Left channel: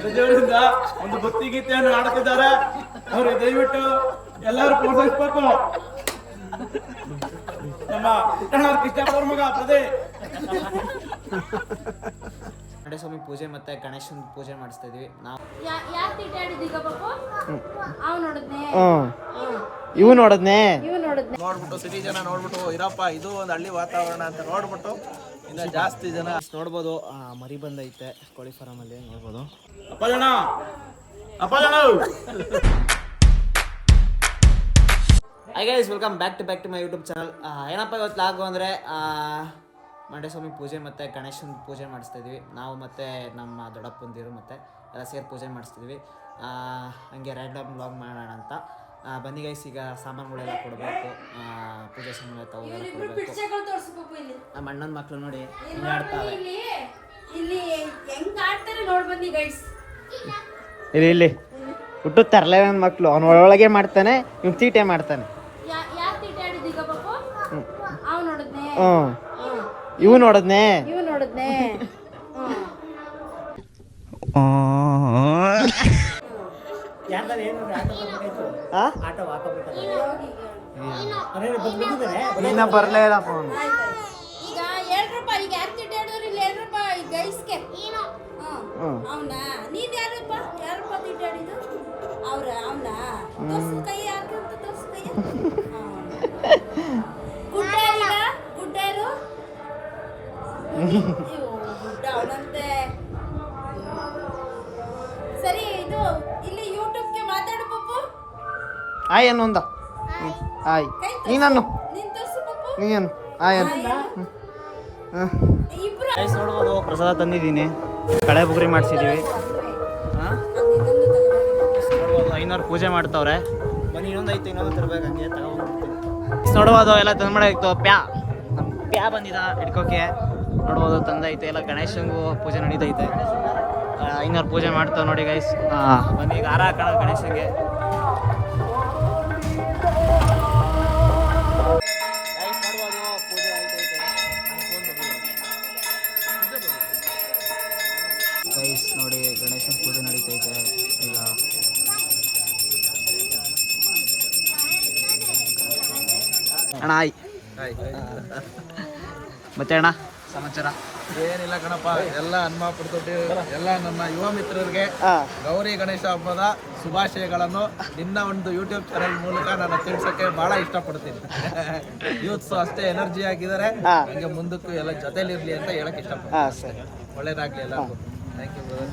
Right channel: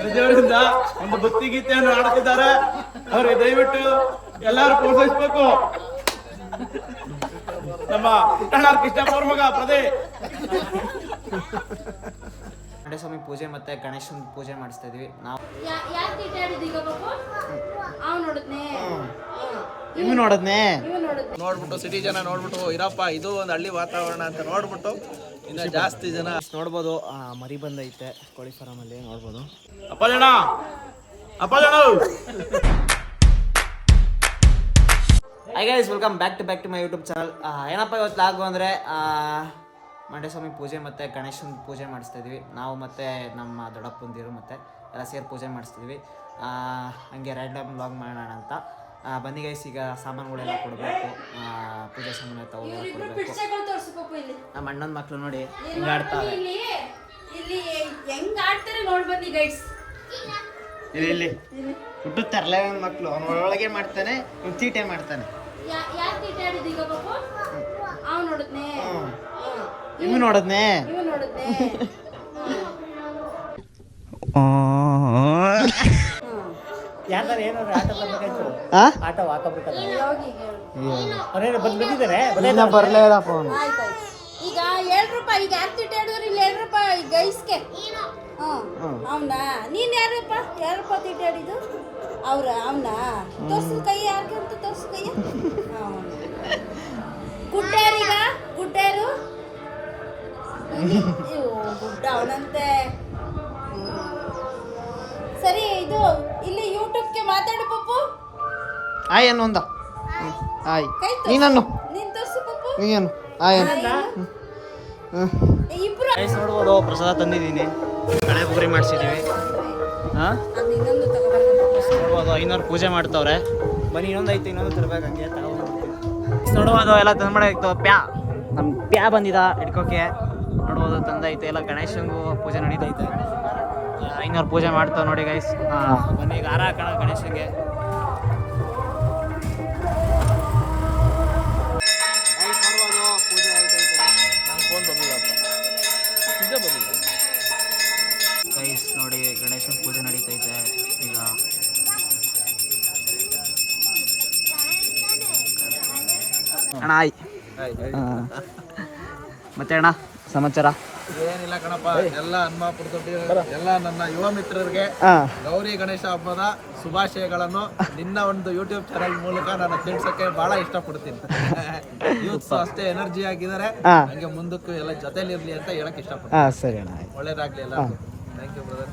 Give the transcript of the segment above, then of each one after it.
ಪ್ರಜೆಗಳಿಂದ ಒಂದು ಭಕ್ತಿ ಗೀತೆಯನ್ನು ಆಡುತ್ತಿದ್ದಾರೆ ಅವ್ರಿಗೆ ದಯವಿಟ್ಟು ಎಲ್ಲರೂ ಪ್ರೋತ್ಸಾಹಿಸಬೇಕು. ನಮ್ಮ ಪುಟ್ಟಣ್ಣ ಕೃಷ್ಣಪ್ಪ ಮಗ ಪ್ರದೇ. ಸ್ವಾಮಿ ಪೂಜೆ ಮತ್ತೆ ಗಣೇಶನ ಪೂಜೆ ಮಾಡಿಸ್ತಾ ಇದೀವಿ. ನಾವು ಇವು ನೋಡದ್ನೆ. ಇವ್ ನೋಡ್ಬಿಟ್ಟು ಸಿಟಿ ಜನ ನೋಡ್ಬಿಟ್ಟು ಇರಪ್ಪ ಇದು ಒಂದು ಹಳ್ಳಿ ವಾತಾವರಣ ಅಂತ ನೋಡ್ಬಿಟ್ಟು ಇನ್ನ ಜಾಸ್ತಿ ಜನ. ನೋಡ್ಬೋದು ಮರಿ ಬಂದೈತೆ ಕೋಳಿ ಫಾರಂ ಅಲ್ಲಿ ನೋಡ್ಬೋದು. ಅಪ್ಪ ಜನ ಅಪ್ಪ ಜನ hi guys welcome back to back to my YouTube channel ಏನಪ್ಪ ಇವತ್ತು ಲಾಗು ಅಂದರೆ ಮಂಡ್ಯ ಸ್ವಾಮಿ ಪೂಜೆ ಮತ್ತು ಗಣೇಶನ ಪೂಜೆ ಮಾಡಿಸ್ತಾ ಇದೀವಿ. ನಾವು ಮತ್ತು ನಮ್ಮ ದೊಡ್ಡಪ್ಪಂದಿರು ಮತ್ತು ಎಲ್ಲ ಸೇರಿ ಪೂಜೆ ಮಾಡಿಸ್ತಿದ್ವಿ ಆ, ಹಂಗೆ ರ್ಯಾಂಡಮ್ ಲಾಗ್ ಮಾಡೋಣ ಅಂತ. ಬನ್ನಿ ಗೈಸ್ ಈಗ ಸಾಮಾನುಗಳೆಲ್ಲ ಕೊಡಬೇಕು. ಪೂಜೆ ಸಾಮಾನು ತಾವು ಎಲ್ಲ ಕೊಡಬೇಕು. ನಮ್ಮ ಅಣ್ಣನ ಮಕ್ಕಳು ನೋಡಿ ಹಿಂಗೆ ಆಡ್ತಾವೆ ಇಲ್ಲಿ ಇಲ್ಲಿ ಹೆಂಗ್ ಆಡ್ತಾರೆ ನೋಡಿ ಬನ್ನಿ ಗೈಡ್ಸ್ ಇಲ್ಲಿ ಇಲ್ಲಿ. ಹುಟ್ಟು ತರಲೇ ನನ್ನ ಮಕ್ಕಳು ಅವನ ಒಳಗೆ ಮಾಡ್ತಾನೆ ಇವ್ ತೀಟೆ ಮಾಡ್ತಾನೆ. ಹ್ಞೂ ಇವು ನೋಡದ್ನೆ. ಇವ್ ನೋಡಿದ್ನೆ. ಆ? ಏನಾದ್ರು ಇನ್ನ ಬರ್ಲೇ ಇದಪ್ಪ ಅವನು ಈಗ ಏಳ್ ರೂಪಾಯಿ ಈಗ ಯಾರು ತಿಟ್ಟಾಡಿದ್ರು ಇಲ್ಲಿ ಏಳ್ ರೂಪಾಯಿ ಗೈಸ್ಗೆ ಹ್ಮ್. ಅವನ ನೀನ್ ಯಾರಪ್ಪ ಆಯ್ ಅನ್ನು ಒಂದ. ಆಯ್. ನೀನನ್ನು. ನೀನ್ ಆಯ್ ಅನ್ನು ಗೈಸ್ ನೋಡ್ಬೋದು ಪ್ರಸಾದ ತಂದಿದ್ದೀನಿ. ಕಳೆ ಬುಗುರಿ ಮಾಡಿಸಿದ್ದೀವಿ ಹಾಂ? ನೋಡ್ಬೋದು ಐನೂರು ಪೂಜೆ ಮಾಡ್ತವ್ರೆ. ಬನ್ನಿ ಇನ್ನೊಂದು ಐತೆ ಇನ್ನೊಂದು ತರ್ಬೇಕು ಹಂಗೆ ತಗೊಂಡ್ಬರ್ತೀನಿ. ನೋಡ್ಬೋದು ಎಲ್ಲ ತಂದ್ಮಾಡಾಯ್ತು ಪ್ಯಾ. ನಮ್ಮ ಪ್ಯಾ ಬಂದಿದ ಹಿಡ್ಕೋಕೆ. ನೋಡ್ಬೋದು ತಂದೈತೆ ಎಲ್ಲ ಗಣೇಶಂಗೂ ಪೂಜೆ ನಡೀತೈತೆ. ಐನೂರು ಪೂಜೆ ಮಾಡ್ತಾವೆ ನೋಡಿ ಗೈಸ್ ಹಾಂ ಬನ್ನಿ ಈಗ ಹಾರ ಹಾಕೋಣ ಗಣೇಶಂಗೆ. ಗಣೇಶನ ಪೂಜೆ ನಡೀತೈತೆ ಈಗ. ಅಣ್ಣ ಆಯ್. ಮತ್ತೆ ಅಣ್ಣ ಸಮಾಚಾರ? ಏನಿಲ್ಲ ಕಣಪ್ಪ ಎಲ್ಲ ಹನುಮಾಪುರ ದೊಡ್ಡ ಎಲ್ಲ ನನ್ನ ಯುವ ಮಿತ್ರರಿಗೆ ಗೌರಿ ಗಣೇಶ ಹಬ್ಬದ ಶುಭಾಶಯಗಳನ್ನು ನಿನ್ನ ಒಂದು ಯೂಟ್ಯೂಬ್ ಚಾನೆಲ್ ಮೂಲಕ ನಾನು ತಿಳ್ಸಕ್ಕೆ ಬಹಳ ಇಷ್ಟಪಡ್ತೀನಿ. ಯೂತ್ಸ್ ಅಷ್ಟೇ ಎನರ್ಜಿ ಆಗಿದ್ದಾರೆ. ಹಂಗೆ ಮುಂದಕ್ಕೂ ಎಲ್ಲ ಜೊತೆಲಿ ಇರ್ಲಿ ಅಂತ ಹೇಳಕ್ ಇಷ್ಟಪಡ್ತೀನಿ. ಒಳ್ಳೇದಾಗ್ಲಿ ಎಲ್ಲರಿಗೂ. Thank you brother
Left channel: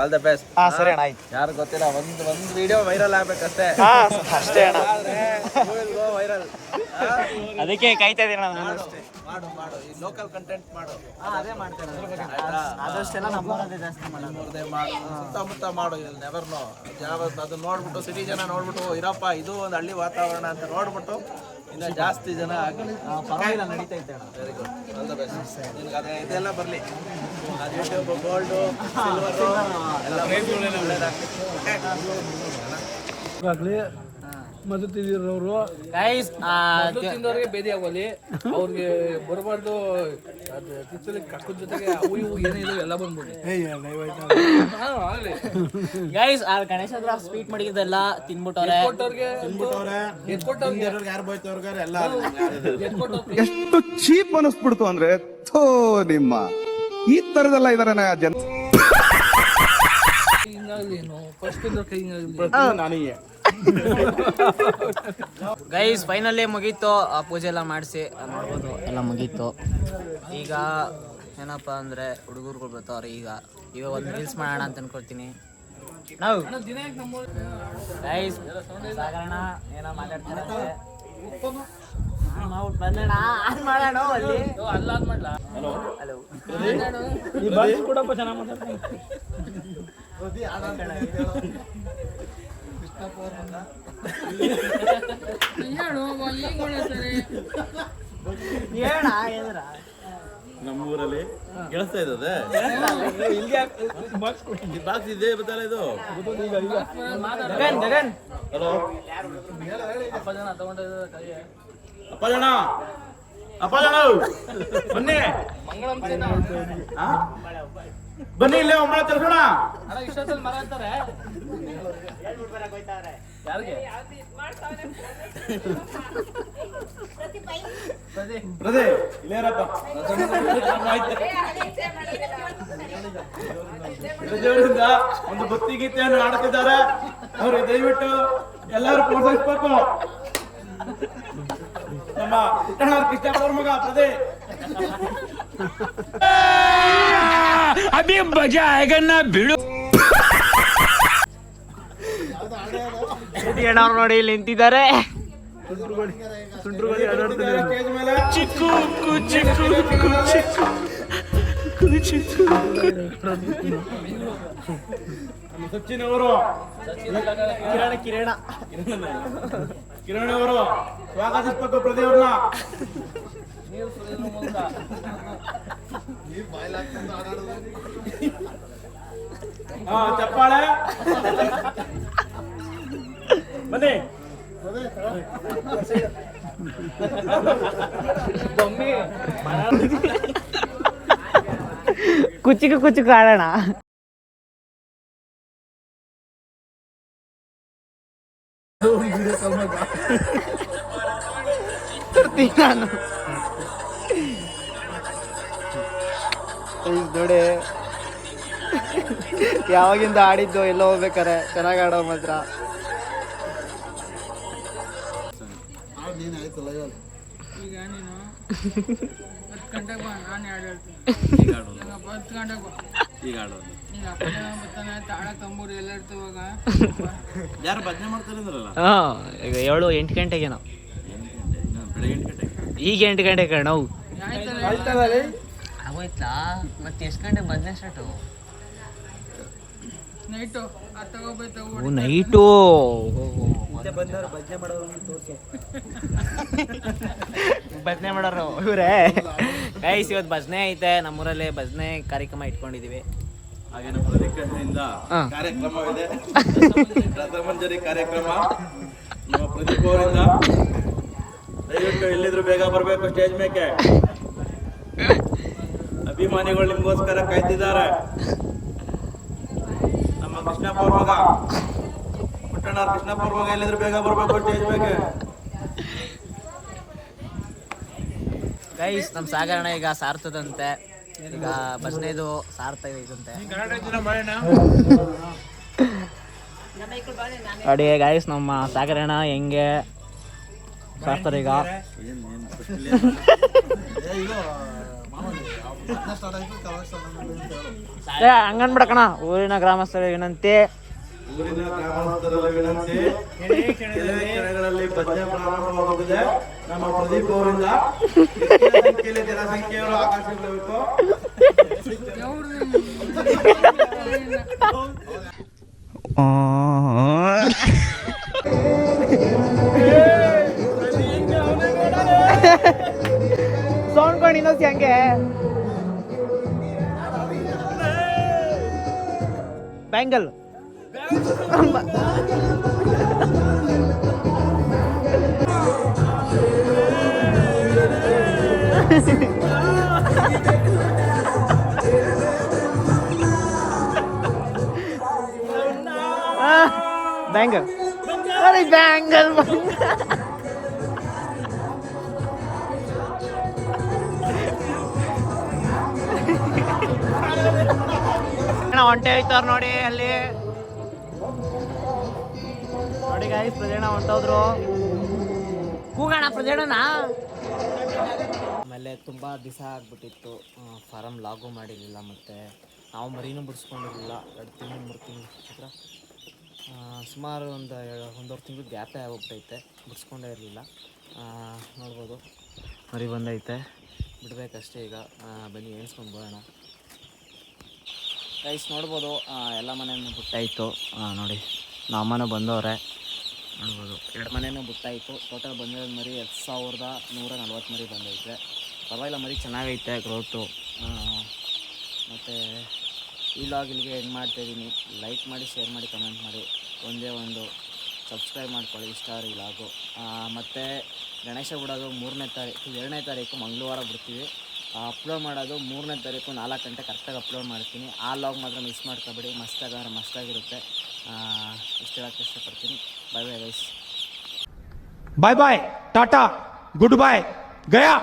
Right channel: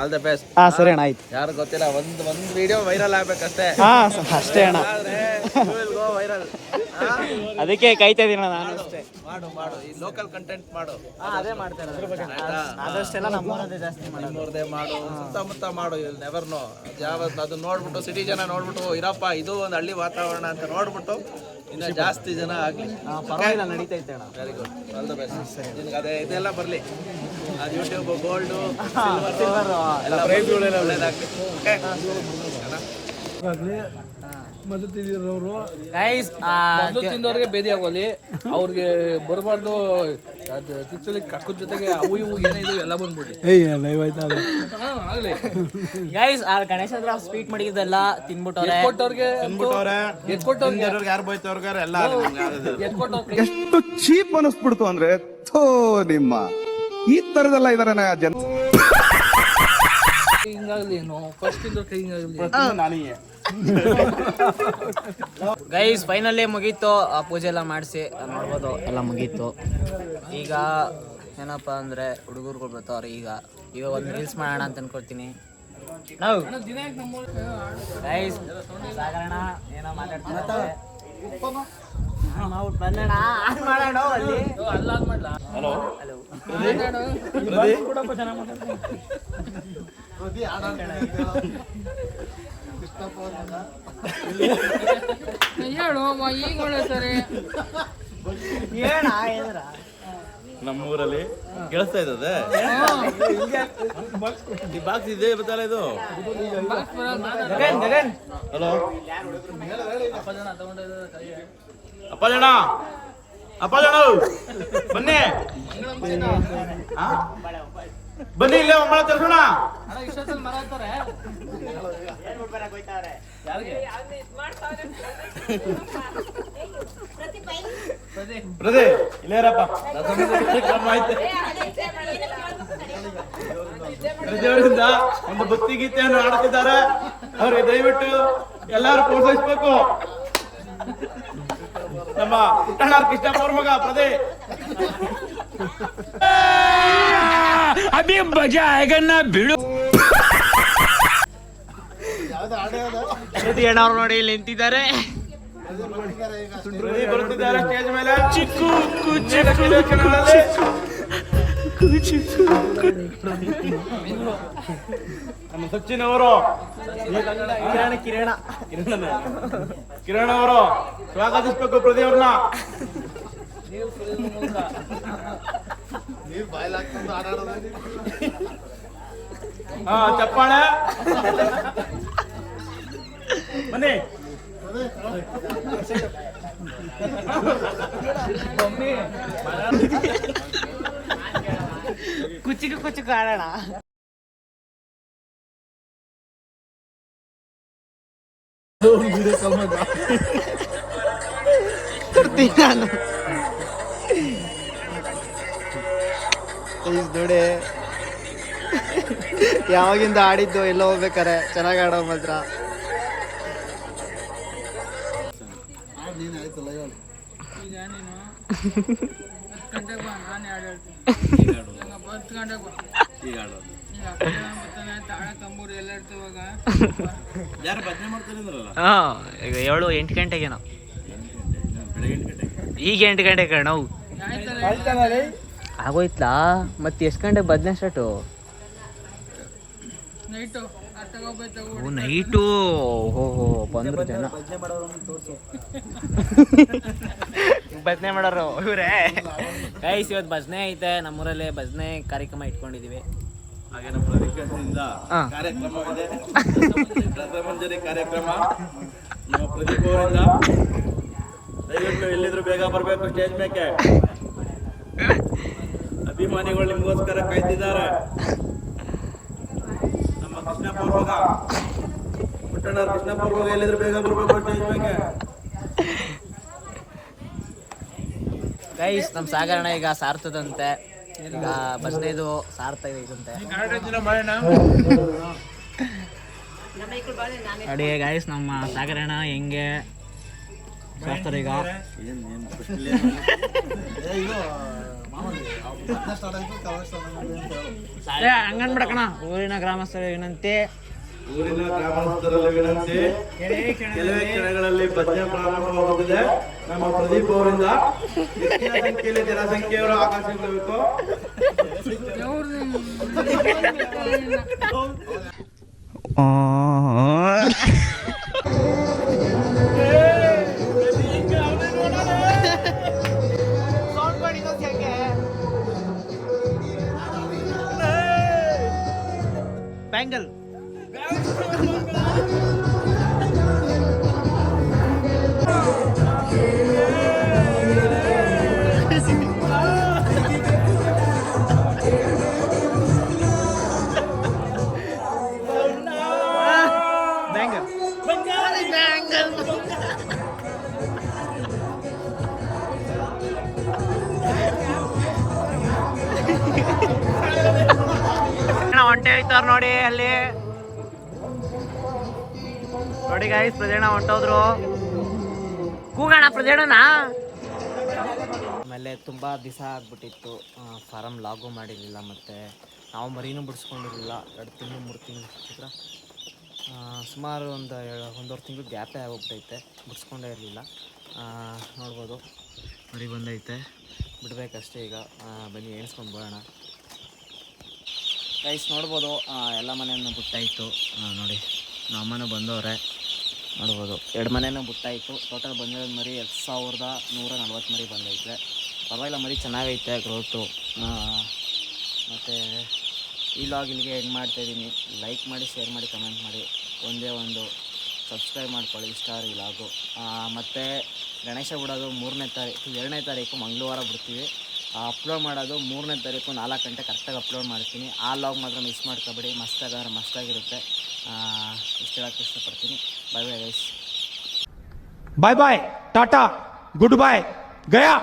all the best ಹಾಂ ಸರಿ ಆಯ್ತು. ಯಾರು ಗೊತ್ತಿಲ್ಲ ಒಂದು ಒಂದು ವಿಡಿಯೋ ವೈರಲ್ ಆಗ್ಬೇಕಷ್ಟೇ. ವೈರಲ್ ಅದಕ್ಕೆ ಕಾಯ್ತಾ ಇದೀನಿ ನಾನು. ಅಷ್ಟೇ. ಮಾಡು ಮಾಡು. ಈ ಲೋಕಲ್ ಕಂಟೆಂಟ್ ಮಾಡು. ಅದೇ ಮಾಡ್ತಾರೆ ಆದಷ್ಟೆಲ್ಲ ನಮ್ಮೂರದೇ ಜಾಸ್ತಿ ಮಾಡೋದು. ಮಾಡು. ಸುತ್ತಮುತ್ತ ಮಾಡು ಇಲ್ಲಿ ನೆವರ್ ನೋ ಯಾವ ಅದು ನೋಡ್ಬಿಟ್ಟು ಸಿಟಿ ಜನ ನೋಡ್ಬಿಟ್ಟು ಇರಪ್ಪ ಇದು ಒಂದು ಹಳ್ಳಿ ವಾತಾವರಣ ಅಂತ ನೋಡ್ಬಿಟ್ಟು ಇನ್ನ ಜಾಸ್ತಿ ಜನ ಆಗಲಿ. ಪರವಾಗಿಲ್ಲ ನಡೀತೈತೆ ಅಣ್ಣ. Very good all the best ನಿನ್ಗೆ ಅದೇ ಇದೆಲ್ಲ ಬರಲಿ. ಅದು ಯೂಟ್ಯೂಬ್ ಗೋಲ್ಡು ಎಲ್ಲ ಒಳ್ಳೇದಾಗ್ಲಿ. ಗೈಸ್ ತಿಂದವ್ರಿಗೆ ಬೇದಿ ಆಗೋಲಿ. ಅವ್ರಿಗೆ ಬರಬಾರ್ದು ತಿಚ್ಚಲಿ ಕಕ್ಕದ ಜೊತೆಗೆ ಅವು ಇವು ಏನೇ ಇದು ಎಲ್ಲ ಬಂದ್ಬಿಡಿ. ಗೈಸ್ ಆ ಗಣೇಶ ಹತ್ರ ಸ್ವೀಟ್ ಮಾಡಿದ್ದೆಲ್ಲ ತಿನ್ಬಿಟ್ಟವ್ರೆ. ತಿನ್ಬಿಟ್ಟವ್ರೆ. ತಿಂದಿರೋರ್ಗೆ ಯಾರು ಬೈತವ್ರಿಗೆ ಎಲ್ಲ ಎಷ್ಟು ಚೀಪ್ ಅನಿಸ್ಬಿಡ್ತು ಅಂದ್ರೆ ಥೋ ನಿಮ್ಮ. ಈ ತರದೆಲ್ಲ ಇದಾರೆ ಜನ ಹಿಂಗಾಗ್ಲಿ ಏನು. ಫಸ್ಟ್ ತಿಂದವ್ರ ಕೈ ಹಿಂಗಾಗ್ಲಿ ನನಗೆ. ಗೈಸ್ ಫೈನಲ್ಲೇ ಮುಗೀತು. ಆ ಪೂಜೆ ಎಲ್ಲ ಮಾಡಿಸಿ ನೋಡ್ಬೋದು. ಎಲ್ಲ ಮುಗೀತು. ಈಗ ಏನಪ್ಪ ಅಂದ್ರೆ ಹುಡುಗರುಗಳು ಬರ್ತಾವ್ರೆ ಈಗ. ಈಗ ಒಂದು ರೀಲ್ಸ್ ಮಾಡೋಣ ಅಂತ ಅನ್ಕೊಳ್ತೀನಿ. ನಾವು. ಗೈಸ್ ಸಾಗರಣ ಏನೋ ಮಾತಾಡ್ತಾರೆ ಬಂದಣ ಆನ್ ಮಾಡೋಣ ಅಲ್ಲಿ. ಅಲ್ಲ ಅದ್ ಮಾಡ್ಲಾ ಹಲೋ ಹೇಳು ಈಗ ಸರಿ. ಹೇಳ ನಮ್ಮೂರಲ್ಲಿ ಕೇಳಿಸ್ತಾ ಇದ್ದದೆ ಬಾಕ್ಸ್ ಇದೆ ಬತ್ತಲ್ಲ ಇದು? ಗಗನ್ ಗಗನ್. ಹಲೋ ಅಪ್ಪ ಜನ? ತಗೊಂಡಿದ್ದಾರೆ ಕೈಗೆ ಅಪ್ಪ ಜನ ಅಪ್ಪ ಜನ ಬನ್ನಿ? ಬನ್ನಿ ಇಲ್ಲೇ ಒಮ್ಮೆ ತರ್ಸೋಣ. ಪ್ರದೇ ಇಲ್ಲೇರಪ್ಪ ಪ್ರತಿಯವರಿಂದ ಒಂದು ಭಕ್ತಿ ಗೀತೆಯನ್ನು ಆಡ್ತಿದ್ದಾರೆ ಅವ್ರಿಗೆ ದಯವಿಟ್ಟು ಎಲ್ಲಾರು ಪ್ರೋತ್ಸಾಹಿಸ್ಬೇಕು. ನಮ್ಮ ಪುಟ್ಟಣ್ಣ ಕೃಷ್ಣಪ್ಪ ಮಗ ಪ್ರದೇ. ಅವ್ರು ನೋಡಿ ಇಲ್ಲಿ ನಿಂತಿದ್ದಾರೆ. ಬರುತ್ತಿದ್ದಾರೆ ಸ್ಟೇಜ್ ಮೇಲೆ. ನಮ್ಮ ಸಚಿನ್ ಅವರು ಕಿರಣ ಕಿರಣ. ಕಿರಣ ಅವರು ಸ್ವಾಗತಿಸ್ಬೇಕು ಸುರಿಯುವ ಮೂಲಕ ಹಾ ಚಪ್ಪಾಳೆ. ಬನ್ನಿ. ಕುಚಿಕು ಕುಚಿಕು ಆಡೋಣ ನಾನು ನೋಡಿ ಯಾವಾಗಿಂದ ಆಡಿದ್ದು ಎಲ್ಲ ಹೋಗ್ಬೇಕಾರೆ ಚೆನ್ನಾಗಿ ಆಡೋ ಮಾತ್ರ ಈಗ ಗಂಟೆಗೆ ಬಾ ನಾನು ಹಾಡು ಹೇಳ್ತೀನಿ. ಹಂಗಪ್ಪ ಹತ್ತು ಗಂಟೆಗೆ ಬಾ. ಈಗ ಅಪ್ಪ ಜನ ಬರ್ತಾನೆ ತಾಳ ತಂಬೂರು ಎಲ್ಲ ಇರ್ತೀವಾಗ ಯಾರು ಭಜನೆ ಮಾಡ್ತಾರಿದ್ರಲ್ಲ? ಹಾ ಈಗ ಏಳು ಎಂಟು ಗಂಟೆಗೇನೋ ಬೆಳಗ್ಗೆ ಎಂಟು ಗಂಟೆಗೆ? ಈಗ ಎಂಟು ಗಂಟೆಗೆ ನಾವು. ಆಗೋಯ್ತಲಾ? ಮತ್ತೆ ಎಷ್ಟು ಗಂಟೆಗೆ ಬದನೆ ಸ್ಟಾರ್ಟು ನೈಟು ಓ ನೈಟು? ಭಜನೆ ಮಾಡೋರು ಇವ್ರೆ. ಗೈಸ್ ಇವತ್ತು ಭಜನೆ ಐತೆ ನಮ್ಮೂರಲ್ಲಿ ಭಜನೆ ಕಾರ್ಯಕ್ರಮ ಇಟ್ಕೊಂಡಿದೀವಿ. ಹಾಗೆ ನಮ್ಮ ಹಾ. ಕಾರ್ಯಕ್ರಮವಿದೆ. ರಸಮಂಜರಿ ಕಾರ್ಯಕ್ರಮ. ನಮ್ಮ ಪ್ರದೀಪ್ ಅವರಿಂದ. ದಯವಿಟ್ಟು ಎಲ್ಲಿದ್ರು ಬೇಗ ಬರಬೇಕು ಸ್ಟೇಜ್ ಮೇಕೆ. ಅಭಿಮಾನಿಗಳು ನಿಮಗೋಸ್ಕರ ಕಾಯ್ತಿದ್ದಾರೆ. ನಮ್ಮ ಕೃಷ್ಣ ಪೂರ್ವಗ ಪುಟ್ಟಣ್ಣ ಕೃಷ್ಣ ಅವ್ರ ಎಲ್ಲಿದ್ರು ಬೇಗ ಬರಬೇಕು ಸ್ಟೇಜ್ ಮೇಕೆ. ಗೈಸ್ ನಮ್ಮ ಸಾಗರಣ ಈಗ ಸಾರ್ತದಂತೆ. ಈಗ ಬಸ್ನೇದು ಸಾರ್ತಾ ಇದಂತೆ. ಅಡುಗೆ ಗೈಸ್ ನಮ್ಮ ಸಾಗರಣ ಹೆಂಗೆ ಸಾರ್ತಾರೆ ಈಗ? ಹಂಗನ್ಬಿಡಕಣ ಊರಿನ ಗ್ರಾಮಸ್ಥರು ಏನಂತೆ? ಊರಿನ ಗ್ರಾಮಸ್ಥರಲ್ಲಿ ವಿನಂತಿ. ಕೆಲವೇ ಕ್ಷಣಗಳಲ್ಲಿ ಭಜನೆ ಪ್ರಾರಂಭವಾಗುತ್ತಿದೆ ನಮ್ಮ ಪ್ರದೀಪ್ ಅವರಿಂದ ಸಂಖ್ಯೆಯಲ್ಲಿ ಜನಸಂಖ್ಯೆಯವರು ಆಕರ್ಷಿಸಬೇಕು ಸೌಂಡ್ ಬ್ಯಾಂಗಲ್ ಬ್ಯಾಂಗಲ್ ಹೊಂಟೆ ಹೋಯ್ತಾರ ನೋಡಿ ಅಲ್ಲಿ ನೋಡಿ ಗಾಯ್ಸ್ ಪ್ರಜೆಣ ಹೊಂಟೋದ್ರು. ಕೂಗಣ ಪ್ರಜೆಣನ ಆಮೇಲೆ ತುಂಬ ದಿವಸ ಆಗ್ಬಿಟ್ಟಿತ್ತು. ಫಾರಮ್ ಲಾಗು ಮಾಡಿರಲಿಲ್ಲ ಮತ್ತು ನಾವು ಮರಿನೂ ಬಿಡಿಸ್ಕೊಂಡಿರಲಿಲ್ಲ. ಎರಡು ತಿಂಗಳು, ಮೂರು ತಿಂಗಳು ಹತ್ರ. ಸುಮಾರು ಒಂದು ಒಂದೂವರೆ ತಿಂಗಳು ಗ್ಯಾಪೇ ಆಗೋಗ್ಬಿಟ್ಟೈತೆ ಬಿಡಿಸ್ಕೊಂಡೇ ಇರಲಿಲ್ಲ. ನೋಡ್ಬೋದು. ಮರಿ ಬಂದೈತೆ. ಬಿಡಬೇಕಷ್ಟೇ ಈಗ. ಬನ್ನಿ, ಎಣಿಸ್ಕೊಂಡು ಬರೋಣ. ಗೈಸ್ ನೋಡ್ಬೋದು. ಎಲ್ಲ ಮನೆಯನ್ನು ಬಿಟ್ಟಾಯಿತು ನೋಡಿ, ನಮ್ಮ ಅಮ್ಮನೂ ಬಂದವ್ರೆ. ನೋಡ್ಬೋದು. ಎರಡು ಮನೆಯೂ ಬುಟ್ಟಾಯಿತು. ಟೋಟಲ್ ಬಂದಿರೋದು ಮರಿ ಎರಡು ಸಾವಿರದ ನೂರ ನಲ್ವತ್ತು ಮರಿ ಬಂದೈತೆ. ಪರವಾಗಿಲ್ಲ, ಮರಿ ಚೆನ್ನಾಗೈತೆ ಗ್ರೋತು ಮತ್ತು ಈ ಲಾಗ್ ಇಲ್ಲಿಗೆ ಎಂಡ್ ಮಾಡ್ತಾಯಿದ್ದೀನಿ ಲೈಕ್ ಮಾಡಿ ಶೇರ್ ಮಾಡಿ ಕಮೆಂಟ್ ಮಾಡಿ. ಒಂದೇ ಒಂದು ಸಬ್ಸ್ಕ್ರೈಬ್ ಮಾಡ್ಕೊಳ್ಳಿ, ಇಷ್ಟ ಈ ಲಾಗು ಮತ್ತು ಗಣೇಶ ಬಿಡೋದು ಮೂರನೇ ತಾರೀಕು, ಎರಡನೇ ತಾರೀಕು ಮಂಗಳವಾರ ಬಿಡ್ತೀವಿ. ಅಪ್ಲೋಡ್ ಮಾಡೋದು ಮೂರನೇ ತಾರೀಕು ನಾಲ್ಕು ಗಂಟೆ ಕರೆಕ್ಟಾಗಿ ಅಪ್ಲೋಡ್ ಮಾಡ್ತೀನಿ. ಆ ಲಾಗ್ ಮಾತ್ರ ಮಿಸ್ ಮಾಡ್ಕೊಬೇಡಿ. ಮಸ್ತಾಗಾದ್ರೆ ಮಸ್ತಾಗಿರುತ್ತೆ. ಇಷ್ಟು ಹೇಳಕ್ಕೆ ಇಷ್ಟಪಡ್ತೀನಿ bye bye guys bye bye tata good bye Gaya